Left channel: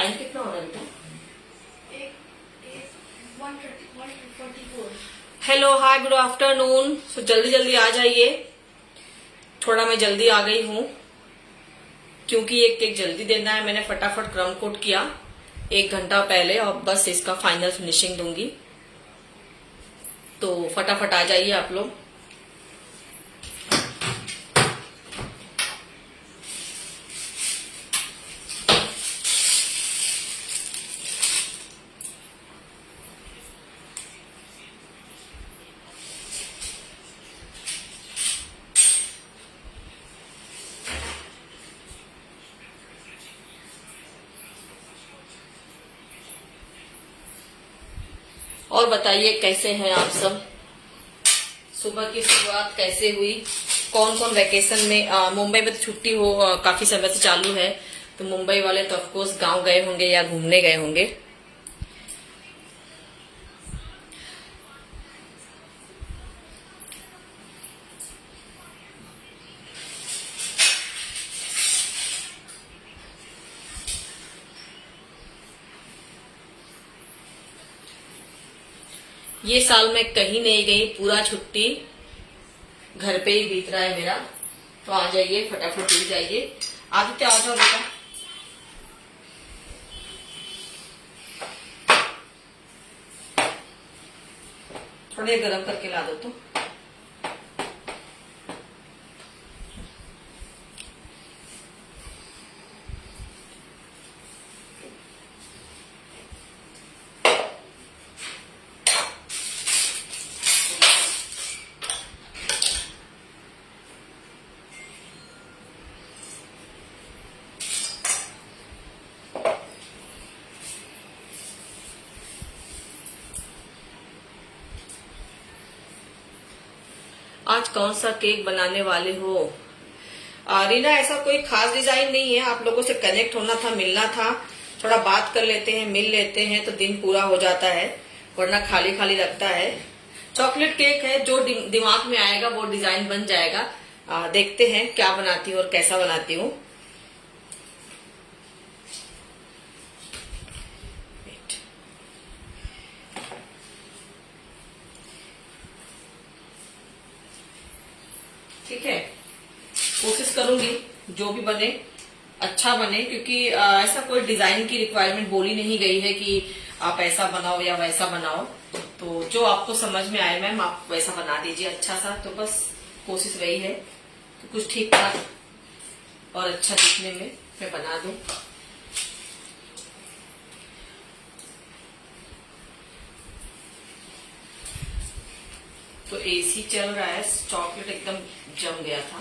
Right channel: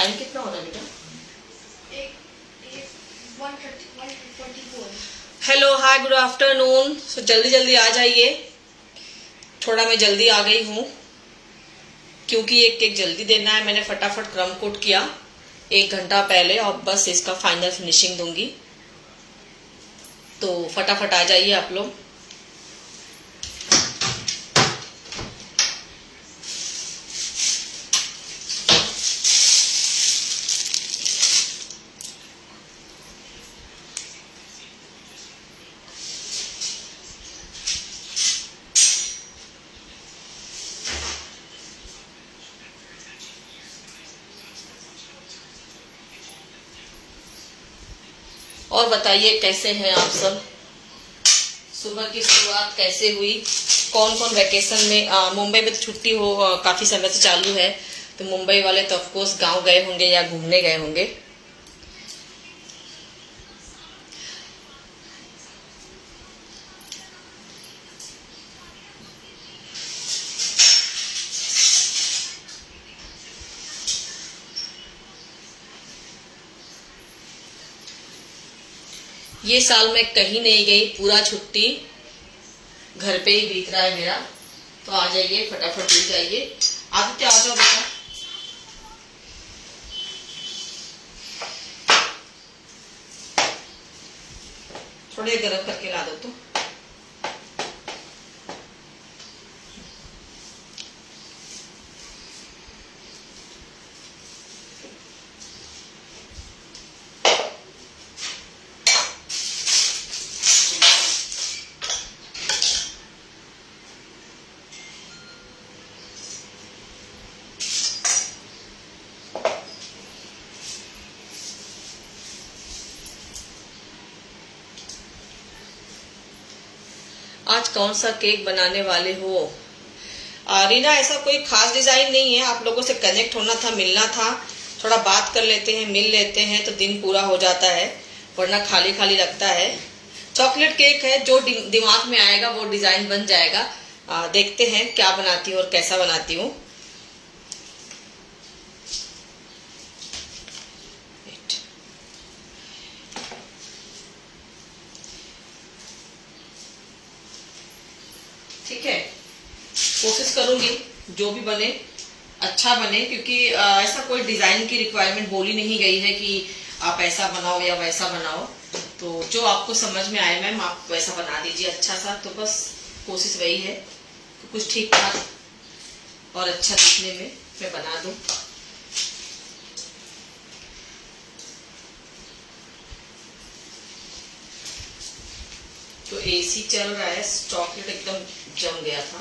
Time कितना हो रहा है बेटा? 1:44। हेलो, हाय, गुड आफ्टरनून। सो जल्दी जल्दी आ जाइए। थोड़ा मैं जल्दी आ गई हूँ क्योंकि एक केक जल्दी देना है। मैंने फटाफट क्रम कोट किया 1 घंटा पहले और बस इसका फाइनल फिनिशिंग दूंगी। तो फटाफट आ जाइए आप लोग। और बताइए कैसे हैं आप सब? सुबह की शुरुआत कैसे हुई? कौन कौन वैकेशन में? मुंबई में तो छुट्टी हो काफी समय से चालू है, तो मुंबई वाले तो ऑफकोर्स गांव गए होंगे या घूमने गए होंगे। ये साल मैं कहीं नहीं गई, पूरा छुट्टी घर पे ही बीत रहा है मेरा। तो आ जाइए, फटाफट उठ जाइए। आदित्य आ जाओ बेटा। थोड़े गर्म करके ला दो तो। आज कौन सा केक बनाने वाले हो? रीना, ऐसा कोई खास डिजाइन नहीं है। आप लोगों से कनेक्ट होना था, मिलना था, थोड़ा बात कर लेते हैं, मिल लेते हैं तो दिन पूरा हो जाता है, वरना खाली खाली लगता है। चॉकलेट केक है, जो दिमाग में आएगा वो डिजाइन बन जाएगा। देखते हैं क्या बनाती हूँ और कैसा बनाती हूँ। ठीक है, कोशिश करूंगी जो भी बने अच्छा बने, क्योंकि ऐसा कोई डिजाइन की रिक्वायरमेंट बोली नहीं गई है कि आप ऐसा बनाओ या वैसा बनाओ। तो जो आपको समझ में आए मैम, आप वैसा बना दीजिए अच्छा सा। तो बस कोशिश वही है कि कुछ ठीक ठाक और अच्छा दिखने में मैं बना दूं। तो एसी चल रहा है, चॉकलेट एकदम जम गया था।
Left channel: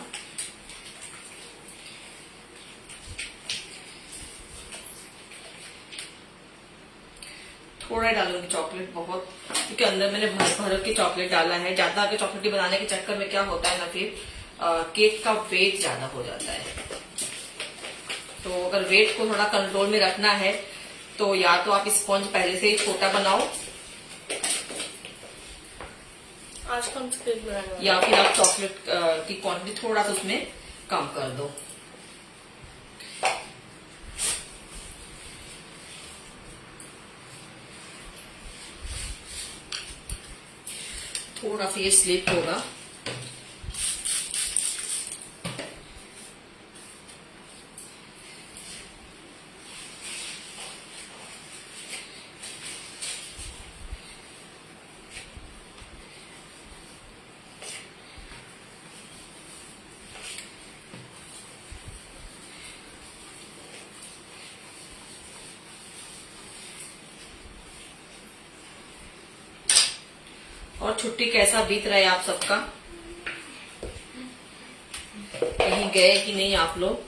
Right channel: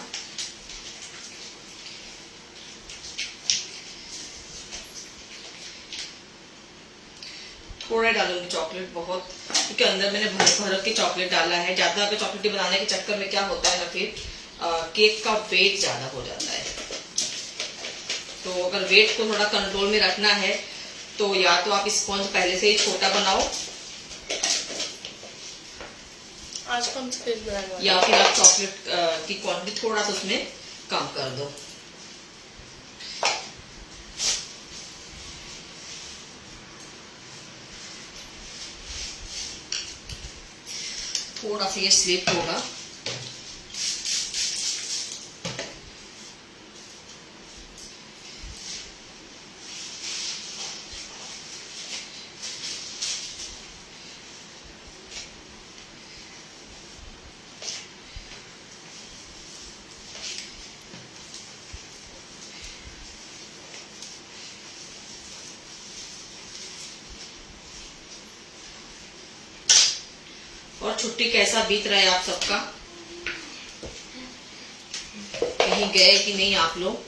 थोड़ा डालूंगी चॉकलेट, बहुत, क्योंकि अंदर मैंने भर भर के चॉकलेट डाला है। ज्यादा अगर चॉकलेट बनाने के चक्कर में क्या होता है ना, फिर केक का वेट ज्यादा हो जाता है। तो अगर वेट को थोड़ा कंट्रोल में रखना है तो या तो आप स्पॉन्ज पहले से ही छोटा बनाओ, आज कौन सा केक बनाने वाले? या फिर आप चॉकलेट की क्वांटिटी थोड़ा सा उसमें कम कर दो। थोड़ा सा ये स्लिप होगा। और छुट्टी कैसा बीत रहा है आप सबका? कहीं गए कि नहीं आप लोग?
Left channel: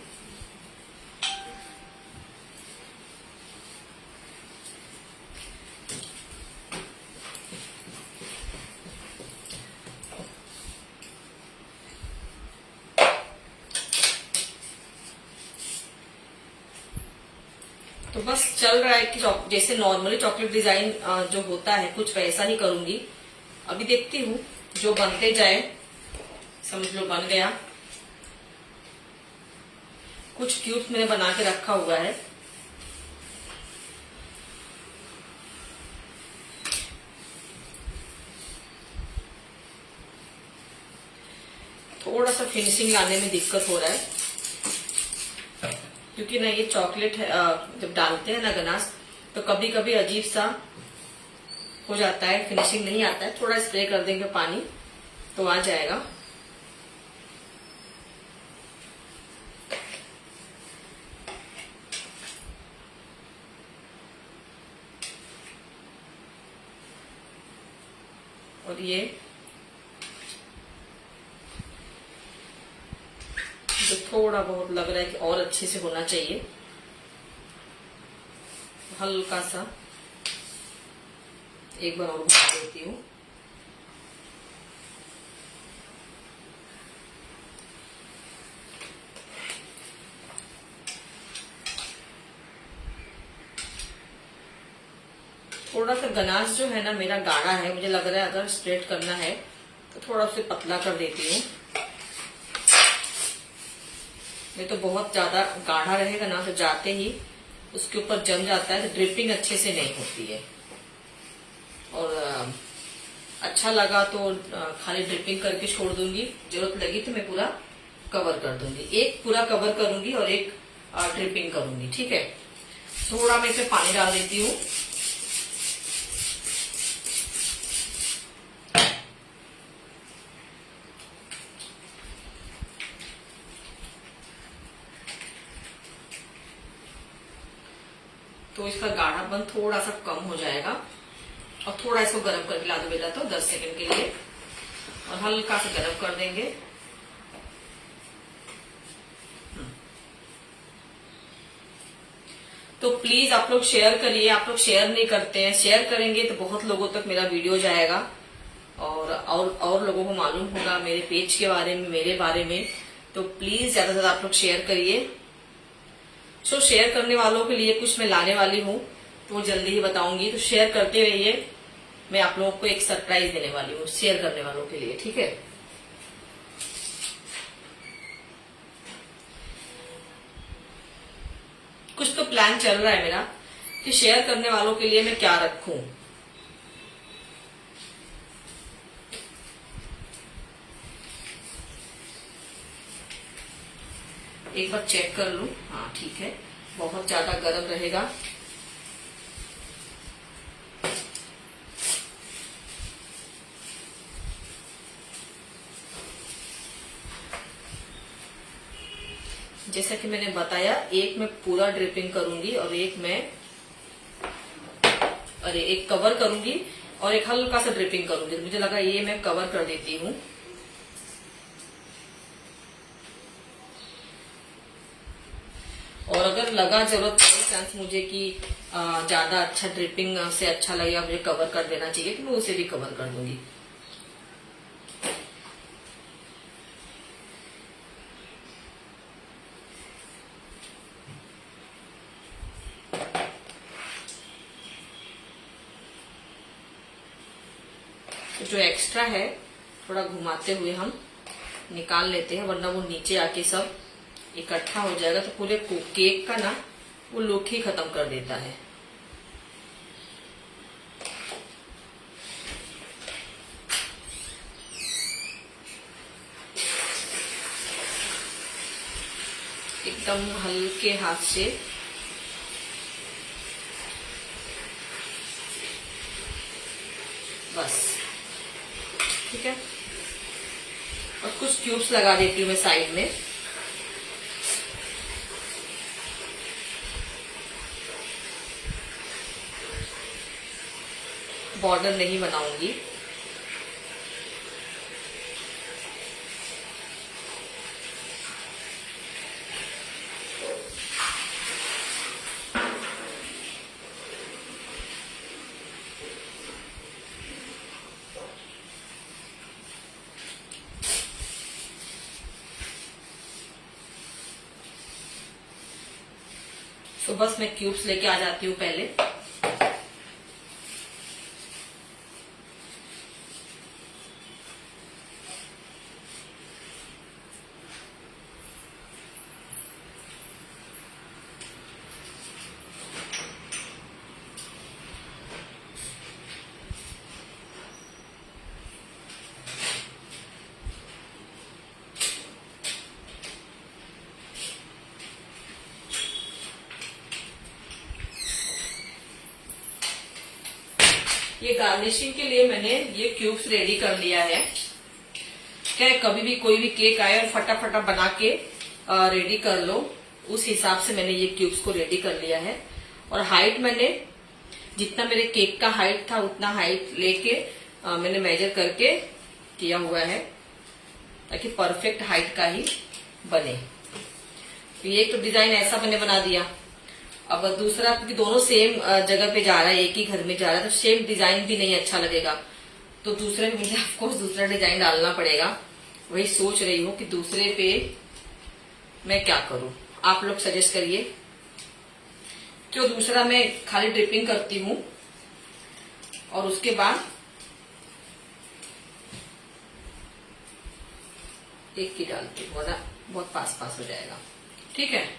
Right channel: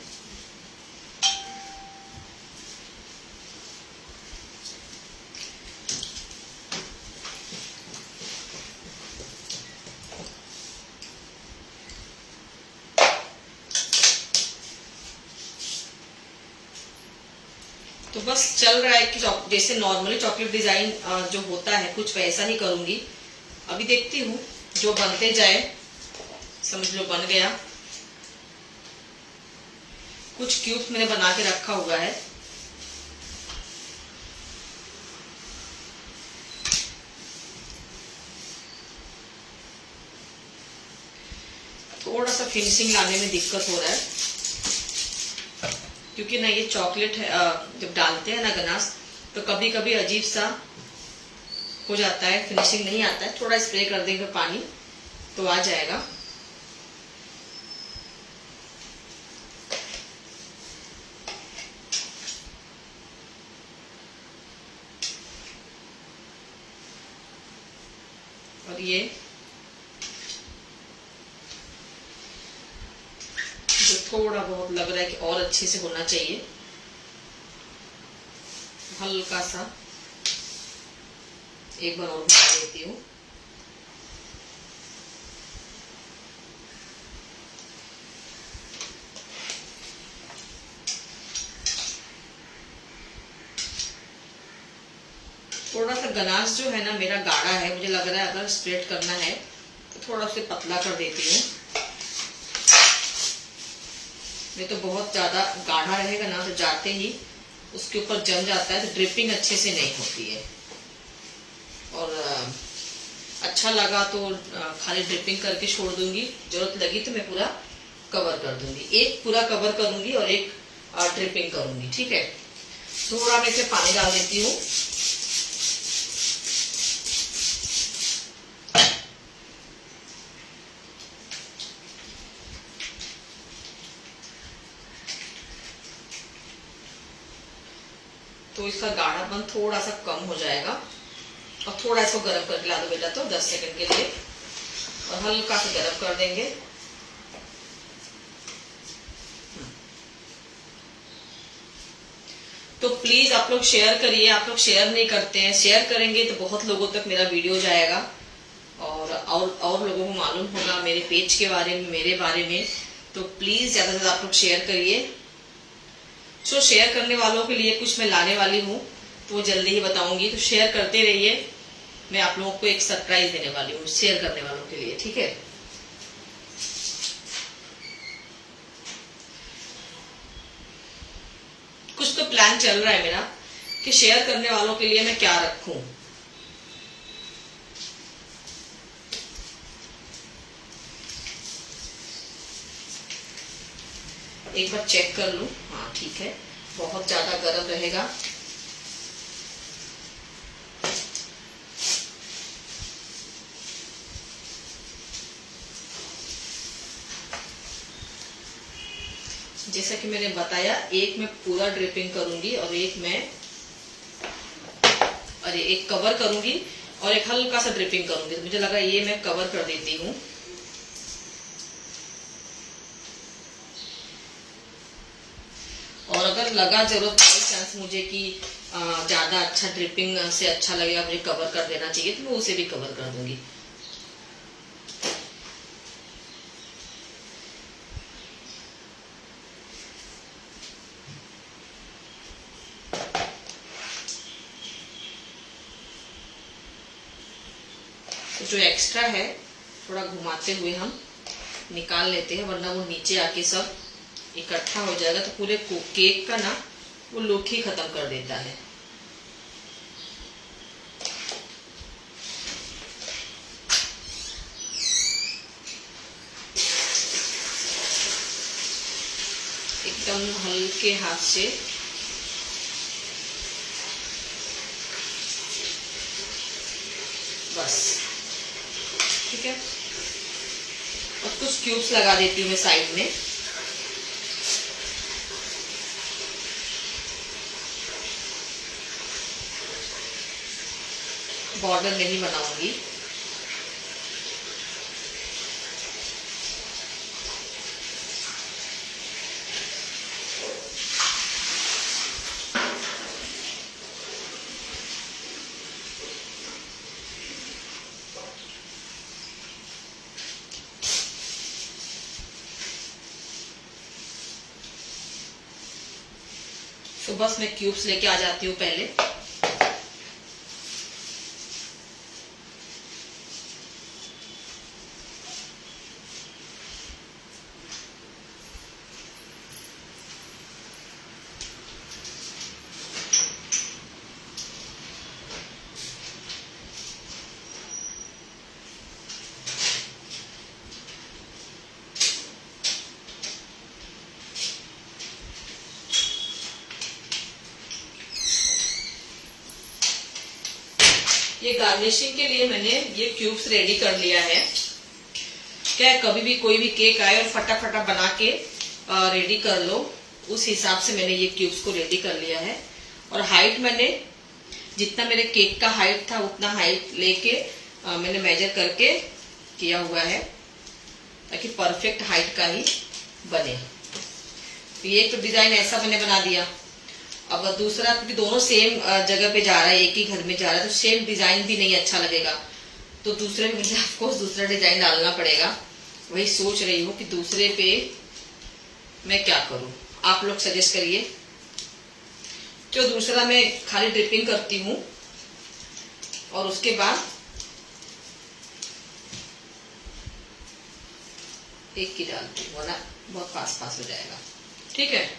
तो बस चल रहा है कि जैसे नॉर्मली चॉकलेट डिजाइन जो होता है कुछ वैसा ही करूंगी। अभी देखती हूँ जो बनते जाए, समझ लो बन गया। कुछ क्यूब मैंने बना के रखा हुआ है, थोड़ा सा फिनिशिंग लाने में दिक्कत हो रहा है, क्योंकि ना ये चॉकलेट जब डालते हैं ना गनाश, तो कभी कभी अजीब सा हो जाता है, फिनिशिंग नहीं आता है। थोड़ा स्प्रे कर देंगे पानी तो आ जाएगा। और ये जो थोड़ा बहुत लग रहा है कि और अच्छे से होना चाहिए, हल्का सा एक बार और बना देती हूँ। थोड़ा सा गनाश जो है ना मेरा गाढ़ा है, मुझे लग रहा है अगर स्प्रेड करना है तो थोड़ा सा पतला कर देती हूँ। नहीं तो बहुत ज्यादा गाढ़ा रहेगा ना तो जाते ही उसके ऊपर जम जाता है, तो ड्रिपिंग अच्छे से नहीं होती है। और अच्छा लगा तो खाली ड्रिपिंग करके छोड़ दूंगी, जरूरत लगी तो मैं पूरा कवर कर दूंगी। एक पूरा कवर करूंगी और एक ड्रिपिंग करूंगी, ठीक है। थोड़ा मैं इसे पानी डाल देती हूँ। तो इसका गाढ़ापन थोड़ा सा कम हो जाएगा। और थोड़ा इसको गर्म करके ला दो बेटा, तो 10 सेकंड के लिए, और हल्का सा गर्म कर देंगे। तो प्लीज आप लोग शेयर करिए, आप लोग शेयर नहीं करते हैं। शेयर करेंगे तो बहुत लोगों तक मेरा वीडियो जाएगा और लोगों को मालूम होगा मेरे पेज के बारे में, मेरे बारे में। तो प्लीज ज्यादा से ज्यादा आप लोग शेयर करिए। सो शेयर करने वालों के लिए कुछ मैं लाने वाली हूँ, तो वो जल्दी ही बताऊंगी, तो शेयर करते रहिए। मैं आप लोगों को एक सरप्राइज देने वाली हूँ शेयर करने वालों के लिए, ठीक है। कुछ तो प्लान चल रहा है मेरा कि शेयर करने वालों के लिए मैं क्या रखूं। एक बार चेक कर लूं, हाँ ठीक है, बहुत ज्यादा गर्म रहेगा। जैसा कि मैंने बताया, एक मैं पूरा ड्रिपिंग करूंगी और एक कवर करूंगी और एक हल्का सा ड्रिपिंग करूंगी। तो मुझे लगा ये मैं कवर कर देती हूँ। और अगर लगा जरूरत पड़े चांस मुझे कि ज्यादा अच्छा ड्रिपिंग से अच्छा लगेगा, मुझे कवर कर देना चाहिए, तो मैं उसे भी कवर कर दूंगी। तो जो एक्स्ट्रा है थोड़ा घुमाते हुए हम निकाल लेते हैं, वरना वो नीचे आके सब इकट्ठा हो जाएगा तो पूरे केक का ना वो लुक ही खत्म कर देता है। एकदम हल्के हाथ से बस, ठीक है। और कुछ क्यूब्स लगा देती हूँ मैं साइड में। बॉर्डर नहीं बनाऊंगी। तो बस मैं क्यूब्स लेके आ जाती हूँ पहले। ये गार्निशिंग के लिए मैंने ये क्यूब्स रेडी कर लिया है। क्या कभी भी कोई भी केक आए और फटाफटा बना के रेडी कर लो, उस हिसाब से मैंने ये क्यूब्स को रेडी कर लिया है। और हाइट मैंने जितना मेरे केक का हाइट था उतना हाइट लेके मैंने मेजर करके किया हुआ है ताकि परफेक्ट हाइट का ही बने। ये तो डिजाइन ऐसा मैंने बना दिया। अब दूसरा, क्योंकि दोनों सेम जगह पे जा रहा है, एक ही घर में जा रहा है, तो सेम डिजाइन भी नहीं अच्छा लगेगा, तो दूसरे में मुझे ऑफकोर्स दूसरा डिजाइन डालना पड़ेगा। वही सोच रही हूँ कि दूसरे पे मैं क्या करूं, आप लोग सजेस्ट करिए। जो दूसरा मैं खाली ड्रिपिंग करती हूँ और उसके बाद एक की डालती हूँ, वरना बहुत पास पास हो जाएगा। ठीक है,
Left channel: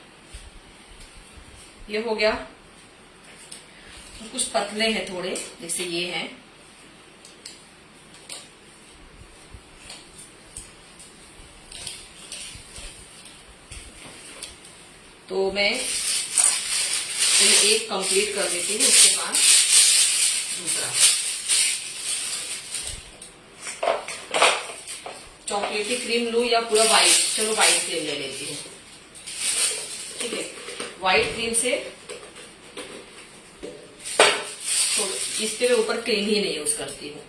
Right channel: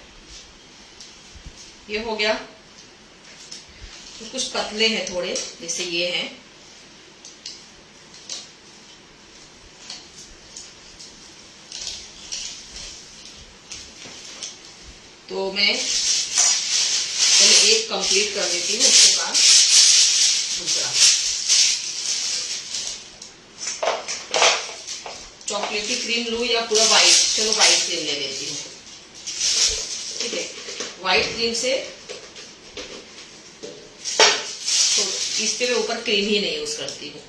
ये हो गया। तो कुछ पतले हैं थोड़े, जैसे ये हैं। तो मैं पहले एक कंप्लीट कर देती हूँ, उसके बाद दूसरा। चॉकलेटी क्रीम लूं या पूरा व्हाइट? चलो व्हाइट क्रीम ले लेती हूँ। ठीक है, व्हाइट क्रीम से तो इसके ऊपर क्रीम ही नहीं यूज करती हूँ,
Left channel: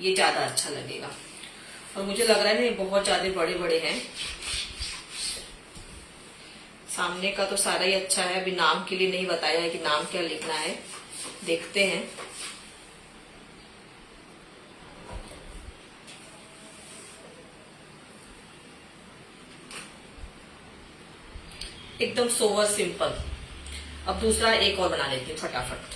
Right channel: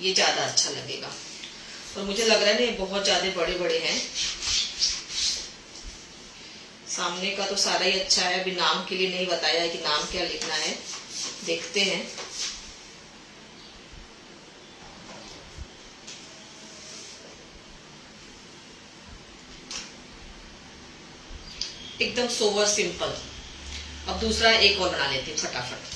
ये ज्यादा अच्छा लगेगा। और मुझे लग रहा है ना बहुत ज्यादा बड़े बड़े हैं। सामने का तो सारा ही अच्छा है, अभी नाम के लिए नहीं बताया है कि नाम क्या लिखना है, देखते हैं। एकदम सोवर सिंपल। अब दूसरा एक और बना लेती हूँ फटाफट।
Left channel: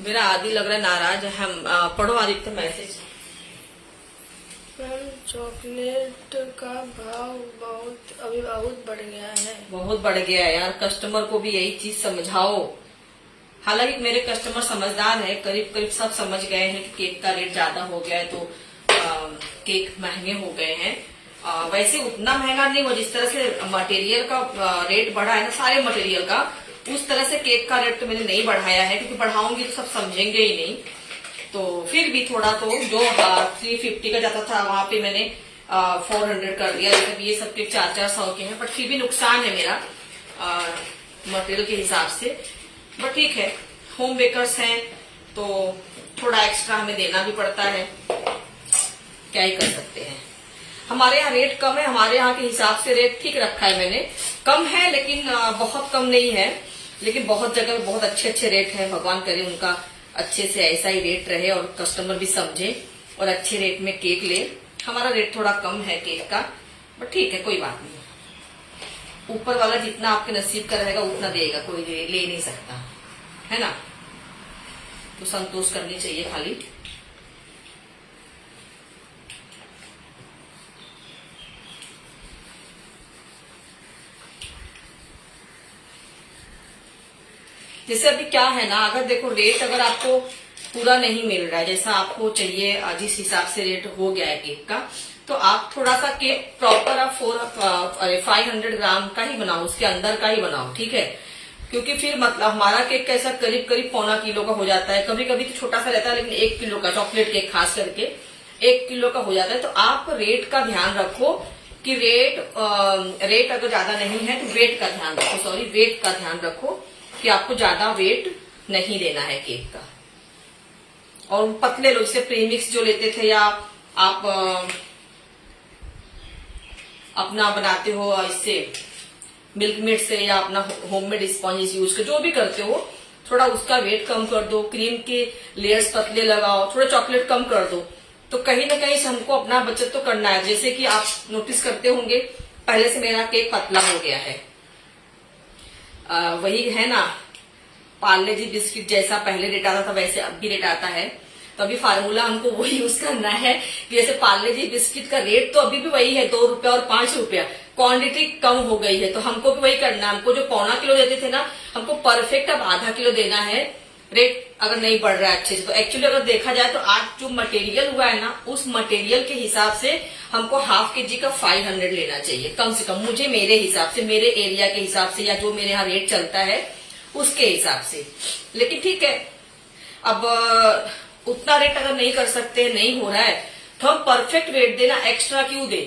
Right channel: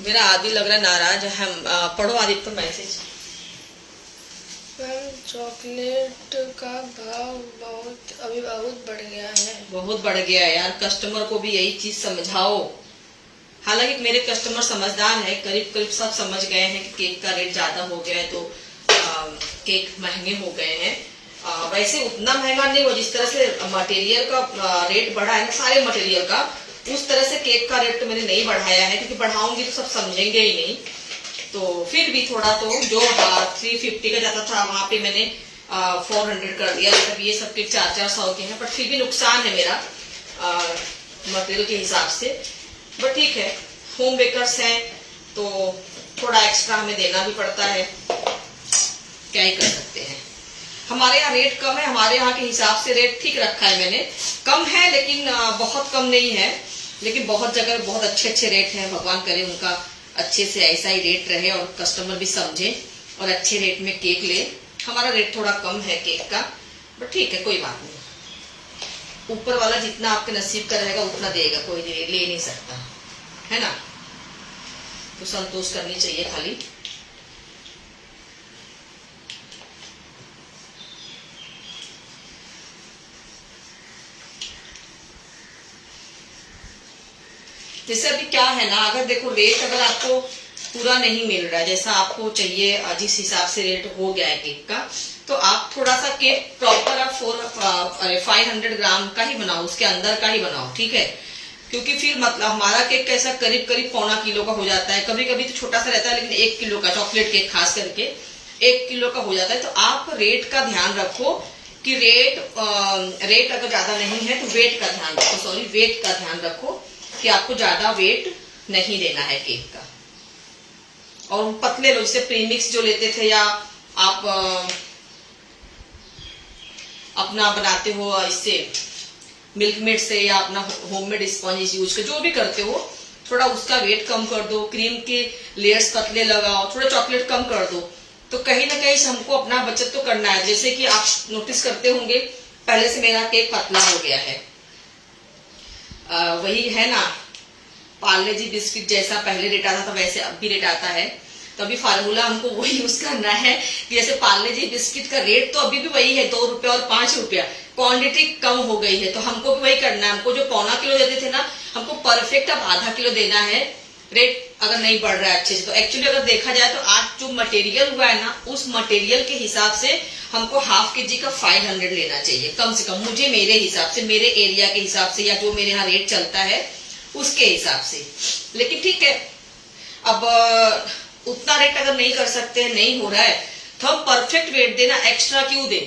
मेरा आदि लग रहा है नाराज। हम पढ़ो आदित्य मैसेज। मैम चॉकलेट का भाव अभी बहुत बढ़ गया है। बहुत बढ़ गया है यार, कस्टमर को भी यही चीज समझाओ। हालांकि मेरे कस्टमर समझदार है, करीब करीब सब समझ गए हैं कि केक का रेट ज्यादा हो गया है, तो केक महंगे हो गए हैं। वैसे उतना महंगा नहीं हुआ, जिस तरह से मटेरियल का रेट बढ़ा है ना, सारे मटेरियल का, उस तरह से केक का रेट तो मैंने नहीं बढ़ाया है, क्योंकि बढ़ाऊंगी तो सब समझेंगे ही नहीं। तो फिर भी थोड़ा, तो जो 350 का जाता था वहां पे मैंने 400 कर दिया। मतलब ये सब केक 400 के हैं, बट फिर भी नुकसान है मेरा मटेरियल के हिसाब से। बट ठीक है, होम बेकर्स हैं तो थोड़ा एक्स्ट्रा हमें देना भी पड़ता है, क्या ही कर सकते हैं। हमारे यहाँ रेट कम है, हमारे यहाँ के हिसाब से रेट ठीक रखा है मैंने। कम है लेकिन बहुत कम नहीं है, लेकिन बहुत जगह बहुत अच्छे अच्छे रेट हैं। भगवान करे उनका अच्छे से ऐसा ही रेट रहे और कस्टमर भी समझे और अच्छे रेट में केक ले। हमारा रेट थोड़ा कम है केक का, बट ठीक है, कोई बात नहीं। ऊपर वाला जितना आपके नसीब का रहेगा उतना देगा, कोई ले नहीं सकता है ना। तो संतोष करनी चाहिए खाली। जैसे अभी क्या है ना, अगर देखो रेट अगर आपको पूरा नहीं मिल रहा है जैसा आपको चाहिए, जिस हिसाब से रेट हो गया है केक का, तो आप थोड़ा सा केक प्रॉपर आप 500 ग्राम का ही बनाओ, उसके अंदर का ही बनाओ। ठीक है, क्योंकि फिर मतलब हमारा केक कैसा करीब करीब 1.25 किलो का हो जाता है। कभी कभी तो छोटा सा रहता है, लेकिन 1 किलो का चॉकलेट केक खास करके 1 किलो का हो जाता है। तो आप रेट का ध्यान रखो कि रेट अगर ज्यादा नहीं है तो वेट का ध्यान रखो, वेट का ध्यान रखो कि आपको ज्यादा वेट नहीं देना है केक का। और पतले लो, जैसे प्रीमिक्स जो लेते थे, या आप अपना बनाते हो इससे मिल्क मेड से, या अपना होममेड स्पॉन्ज यूज कर, जो भी करते हो, थोड़ा उसका वेट कम कर दो। क्रीम के लेयर्स पतले लगाओ, थोड़ा चॉकलेट कम कर दो। तो कहीं ना कहीं हमको अपना बचत तो करना है। जैसे कि आप नोटिस करते होंगे, पहले से मेरा केक पतला हो गया है। वही है ना, पार्ले जी बिस्किट जैसा पहले रेट आता था वैसे अब भी रेट आता है। तो अभी फार्मूला हमको वही यूज करना है कि जैसे पार्ले जी बिस्किट का रेट तो अभी भी वही है, 2 रुपया और 5 रुपया। क्वांटिटी कम हो गई है, तो हमको भी वही करना है। हमको जो 1.25 किलो देते थे ना, हमको परफेक्ट अब आधा किलो देना है। रेट अगर नहीं बढ़ रहा है अच्छे से। तो एक्चुअली अगर देखा जाए तो आज जो मटेरियल हुआ है ना, उस मटेरियल के हिसाब से हमको हाफ केजी का 500 लेना चाहिए कम से कम, मुझे मेरे हिसाब से, मेरे एरिया के हिसाब से, या जो मेरे यहाँ रेट चलता है उसके हिसाब से। लेकिन ठीक है, अब उतना रेट अगर नहीं कर सकते, नहीं हो रहा है, तो हम परफेक्ट रेट देना, एक्स्ट्रा क्यों दे।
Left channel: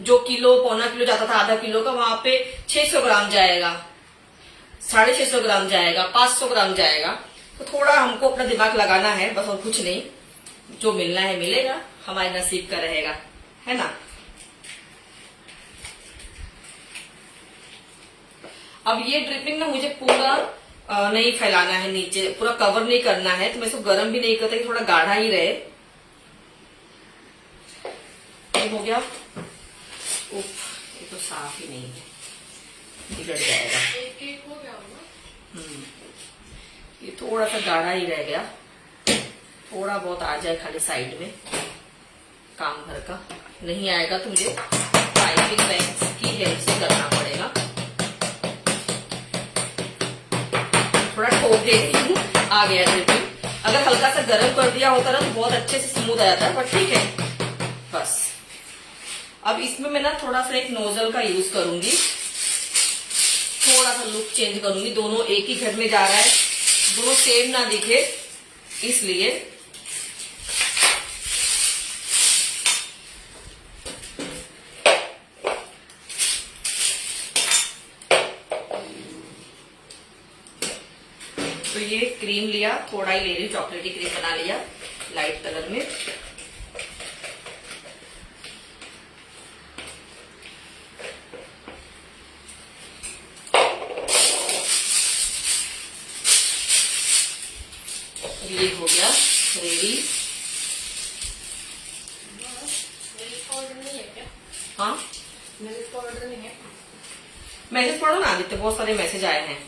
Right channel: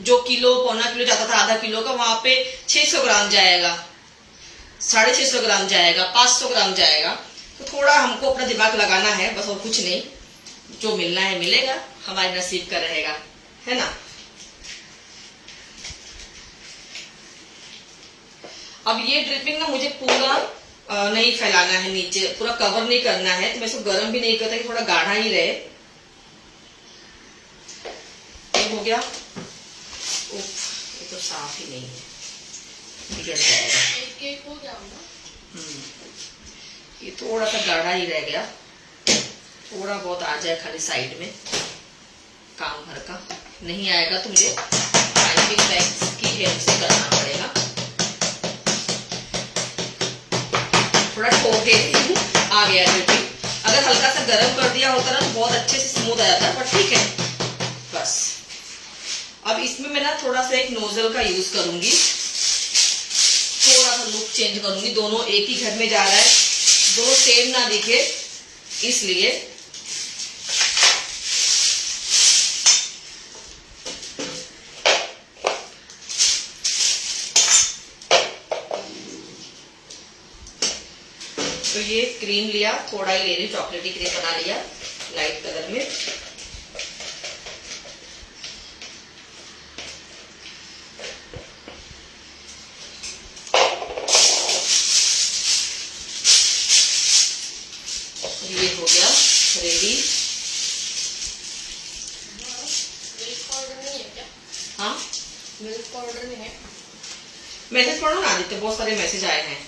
जो किलो पौना किलो जाता था, आधा किलो का, वहां पे 600 ग्राम जाएगा, 650 ग्राम जाएगा, 500 ग्राम जाएगा। तो थोड़ा हमको अपना दिमाग लगाना है बस, और कुछ नहीं। जो मिलना है मिलेगा, हमारे नसीब का रहेगा, है ना। अब ये ड्रिपिंग ना मुझे पूरा नहीं फैलाना है, नीचे पूरा कवर नहीं करना है, तो मैं इसको गर्म भी नहीं करता कि थोड़ा गाढ़ा ही रहे। ये हो गया। उफ, ये तो साफ ही नहीं है, बिगड़ जाएगा। एक हो गया ना। ये थोड़ा सा गाढ़ा ही रह गया, थोड़ा बहुत आ जाए खाली साइड में, काम भर का नहीं आएगा तो मुझे पाइपिंग बैग की हेल्प से करना पड़ेगा। थोड़ा ठोके आ गया ड्रिपिंग। अगर हल्का सा गर्म कर दिया होता ना तो बहुत अच्छे से स्मूथ आ जाता, पर ठीक है बस। अब इसमें मैं ना थोड़ा सा एक नोजल का यूज करूंगी, थोड़ा सा लुक चेंज करूंगी। दोनों एक ही घर में जा रहा है, दोनों सेम ना दिखे, इसलिए। तो ये क्रीम लिया, थोड़ा ही ले रही, चॉकलेटी क्रीम बना लिया लाइट कलर में। ये हो गया रेडी। मिल्क पाउडर नहीं है क्या? हाँ, मिल्क पाउडर नहीं है। मैसेज पढ़ो ना आदित्य, बहुत सारे मैसेज आए हैं।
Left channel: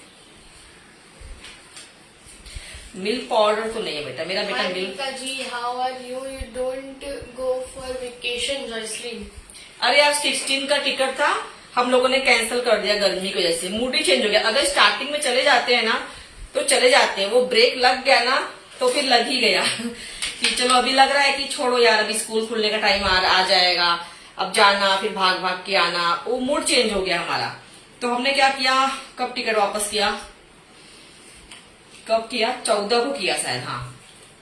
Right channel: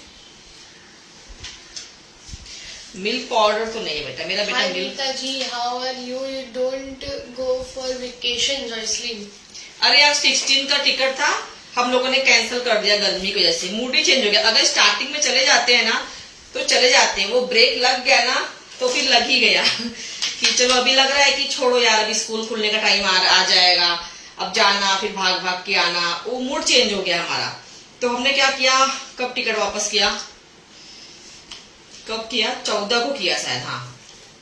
मिल्क पाउडर तो नहीं है बेटा, मेरा बेटा Hi milk. Rita ji, how are you? You don't go for vacation, Joycelyn. अरे यार 16 का टिकट था, हम लोगों ने कैंसिल कर दिया गर्मी की वजह से, मूड ही चेंज हो गया। अगर स्टार्टिंग में चले जाते हैं ना तो चले जाते हैं, वो ब्रेक लग गया ना तो फिर लग ही गया कि चलो अभी लग रहा है कि छोड़ो यार, अभी स्कूल खुलने का टाइम आ जाएगा, अब जाना, फिर भाग भाग के आना, वो मूड चेंज हो गया हमारा। तो हमने क्या किया, कब टिकट वापस किया, कब किया, 14 को किया शायद, हाँ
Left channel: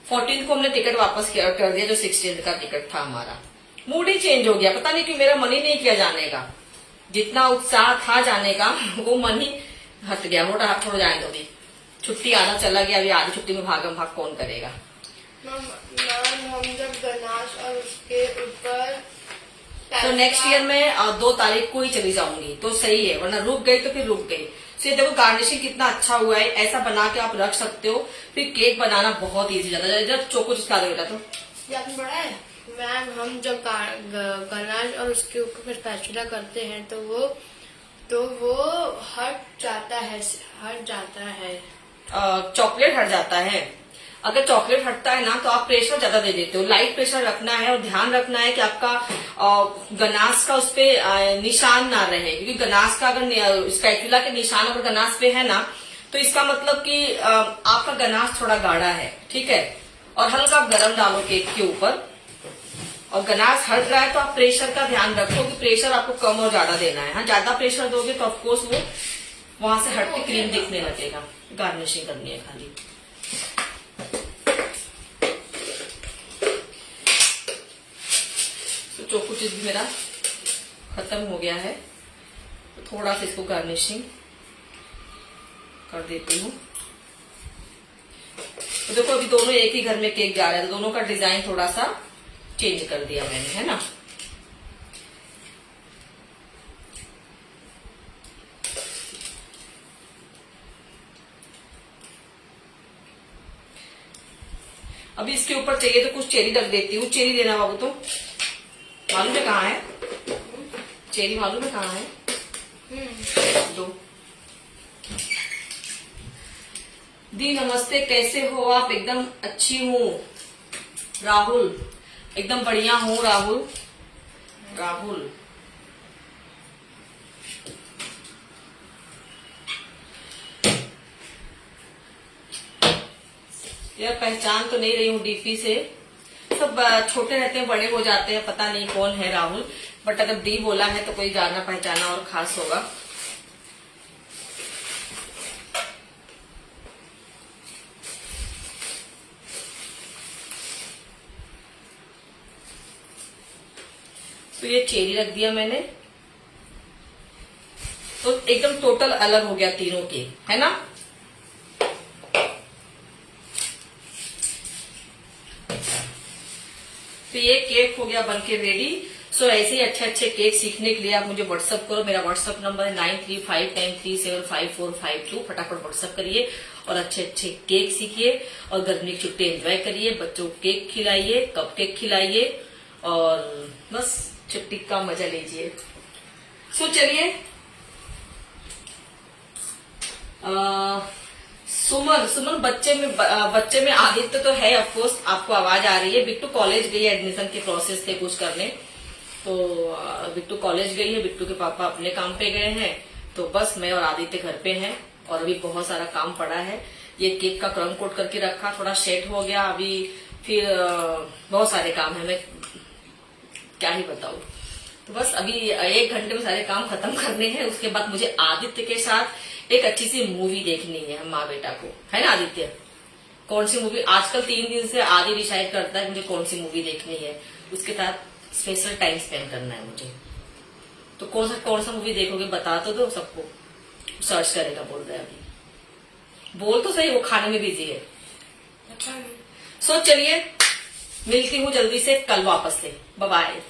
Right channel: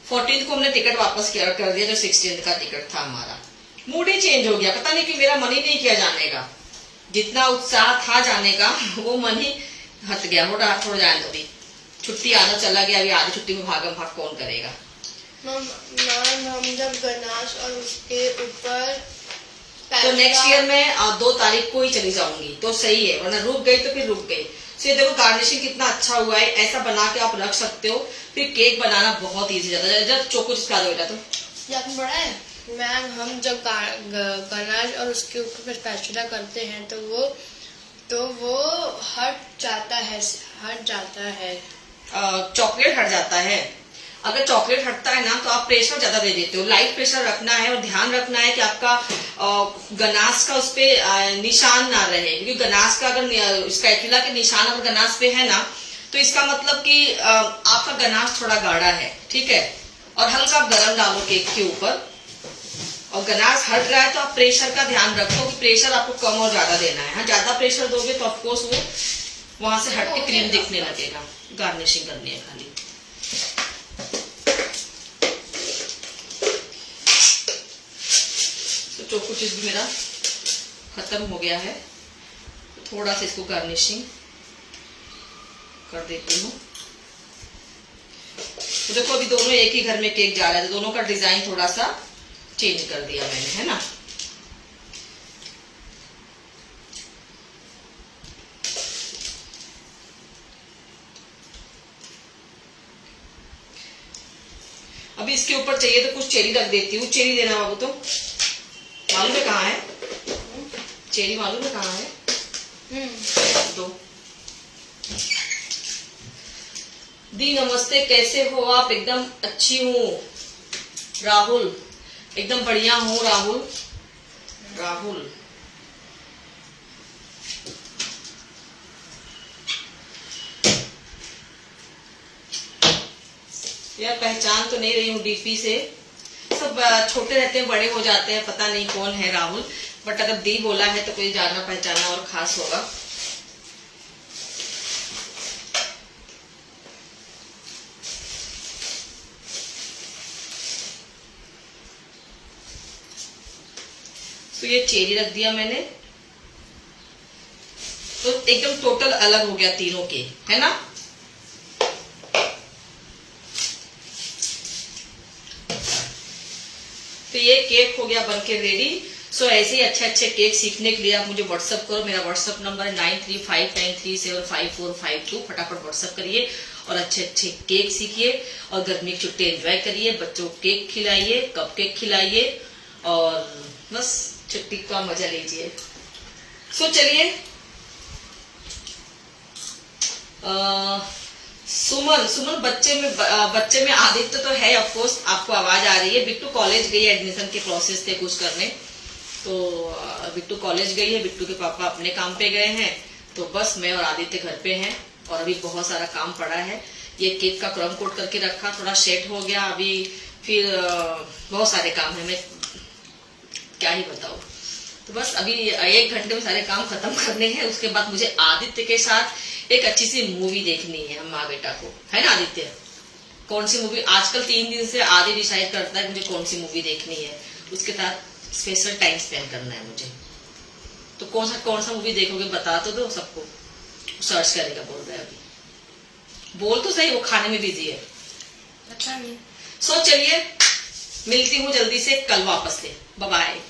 14 को हमने टिकट वापस किया कर दिया, जो 16 का टिकट था हमारा। मूड ही चेंज हो गया, पता नहीं कि मेरा मन ही नहीं किया जाने का, जितना उत्साह था जाने का वो मन ही हट गया। हो रहा हो जाए तो भी छुट्टी आना चला गया, अभी आधी छुट्टी में भागम भाग कौन करेगा। मैम हम जब गनाश और उसके ऊपर तो नेक्स्ट ईयर में 2 तारीख को ही चली जाऊंगी तो सही है, वरना रुक गई तो फिर रुक गई। तो ये देखो गार्निशिंग कितना अच्छा हुआ है, ऐसा बना के आप रख सकते हो। फिर केक बनाना बहुत इजी जाता है, जब चोको चिपका दो बेटा। तो ये आपने पढ़ा है मैम, हम जब गनाश और उसके ऊपर स्पैचुला करते हैं तो वो हट जाता है। चॉकलेट हट जाता है। अगर चॉकलेट हटता है ना तो आप प्रेशर ज्यादा दे देते हो, लाइट प्रेशर रखना है, और ध्यान रखना है कि आपका गनाश का उस पे निशान ना रहे, क्योंकि गनाश का अगर स्पैचुला के निशान अगर गनाश पे है ना तो इसका मतलब कि आपका गनाश थोड़ा गाढ़ा है, ठीक है। और हल्का गरम डालो केक के ऊपर, और गनाश हट रहा है तो आप प्रेशर का ध्यान रखो कि प्रेशर आपको कम और ज्यादा देना है। हाँ, ज्यादा प्रेशर दोगे तो ऑफकोर्स वो वहां से हट के क्रीम दिखने लगेगा। गार्निशिंग करनी है खाली। तो चोको चीज भी मेरा खत्म हो गया है, थोड़ा सा इसको गार्निशिंग कर देती हूँ। तो देखो अभी दोनों एक ही घर में केक जा रहा है, तो दोनों का डिजाइन थोड़ा सा चेंज कर दिया मैंने, है ना। अभी इसके ऊपर चाहिए तो कुछ चेरी रख देती हूँ। चेरी देना बाबू, तो मालूम है कहाँ है चेरी, मालूम है कहाँ है, दो। दी नमस्ते, कैसे हो आप? एकदम अच्छी हूँ राहुल, एकदम बढ़िया हूँ राहुल। यार पहचान तो नहीं रही हूँ डीपी से, सब छोटे रहते हैं बड़े हो जाते हैं, पता नहीं कौन है राहुल, बट अगर दी बोला है तो कोई जाना पहचाना और खास होगा। तो ये चेरी रख दिया मैंने, तो एकदम टोटल अलग हो गया तीनों केक, है ना। तो ये केक हो गया बनके रेडी। सो ऐसे ही अच्छे अच्छे केक सीखने के लिए आप मुझे व्हाट्सअप करो। मेरा व्हाट्सअप नंबर है 9359375452। फटाफट व्हाट्सअप करिए और अच्छे अच्छे केक सीखिए और गर्मी की छुट्टी एंजॉय करिए। बच्चों को केक खिलाइए, कप केक खिलाइए और बस छुट्टी का मजा लीजिए। सो चलिए, सुमन बच्चे में आदित्य तो है, ऑफ कोर्स आपको आवाज आ रही है। बिट्टू कॉलेज गई है, एडमिशन के प्रोसेस थे कुछ करने, तो बिट्टू कॉलेज गई है, बिट्टू के पापा अपने काम पे गए हैं, तो बस मैं और आदित्य घर पे हैं और अभी बहुत सारा काम पड़ा है। ये केक का क्रम कोट करके रखा, थोड़ा सेट हो गया, अभी फिर बहुत सारे काम है, मैं क्या ही बताऊं। तो बस अभी 1 घंटे में सारे काम खत्म करने हैं। उसके बाद मुझे आदित्य के साथ एक अच्छी सी मूवी देखनी है, हम माँ बेटा को, है ना आदित्य। कौन सी मूवी, आजकल 3 दिन से आदि डिसाइड करता है मुझे कौन सी मूवी देखनी है, उसके साथ स्पेशल टाइम स्पेंड करना है मुझे। तो कौन सा मूवी देखोगे बता तो दो सबको। सर्च करेगा बोल रहा है, अभी बोल तो सही, वो खाने में बिजी है। अच्छा नहीं। सो चलिए, मिलती हूँ जल्दी से कल वापस से। Bye bye.